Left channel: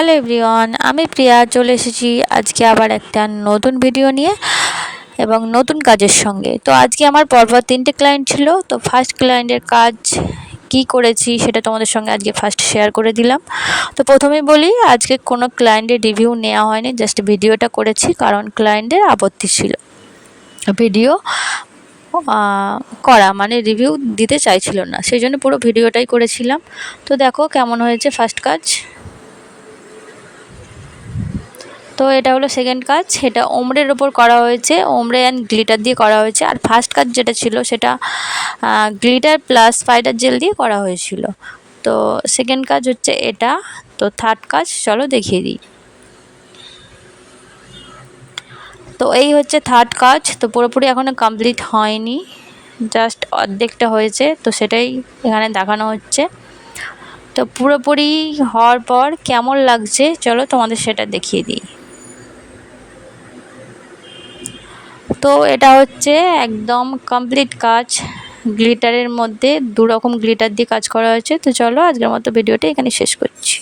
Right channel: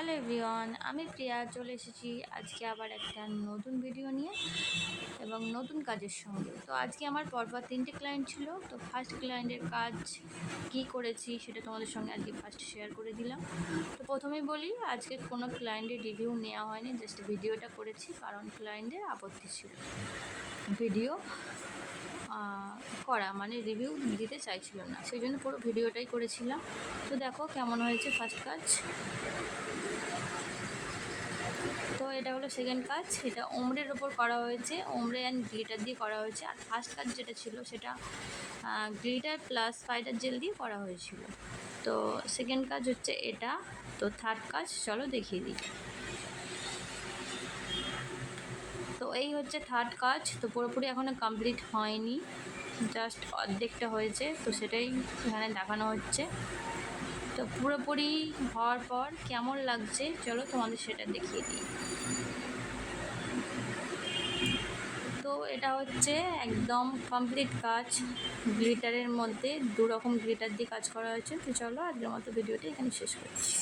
Hello everyone, আমি প্রিয়া চলে এসেছি আজকে আবার একটা নতুন ভিডিও নিয়ে এবং নতুন কাজের সঙ্গে। তো আজকে আমার পরপর 3টে ক্লায়েন্ট ছিল। তো ফার্স্ট ক্লায়েন্টের কাজ কি করেছি সেটা তোমাদের সঙ্গে আজকে ফার্স্ট শেয়ার করে দিলাম। তো প্রথমেই বলি, আজকে কোনো ক্লায়েন্টের রিভিউ নেওয়া হয়নি, জাস্ট ভিডিওটা করেছি কারণ ক্লায়েন্টের আপত্তি ছিল ভিডিও করা, মানে রিভিউ দিতে চাইছিল না, সেই জন্য পুরো ভিডিওটাই করেছিলাম। তো দেখো কেমন হয়েছে ফার্স্ট কাজ। তো এটা হলো সেকেন্ড কাজ, এটা ওমরের ওপর করা হয়েছে, ওমরে অ্যান্ড গ্লিটার দিয়ে করা হয়েছে। আর ফার্স্ট কাজ যেটা ছিল সেটা গ্লিটার প্লাস স্পাইডার জেল দিয়ে করা হয়েছিল। তো সেকেন্ড কাজ হচ্ছে এটা। তো থার্ড কাজ চলো দেখিয়ে দিই। তো এই হচ্ছে থার্ড কাজ। তো পুরোপুরি এখনও কমপ্লিট হয়নি, জাস্ট অর্ধেকটা হয়েছে, তো সেটাই এখানে দেখানো হচ্ছে। তো পুরোপুরি হওয়ার পর কেমন লাগছে চলো তোমাদের সেটা দেখিয়ে দিই। তো এটা হচ্ছে একদম কমপ্লিট কাজ, গ্লিটারের মধ্যে 2 রকম গ্লিটার দিয়ে কাজ করা হয়েছে। তো চলো আজকের মতো ভিডিওটা এখানে শেষ করছি।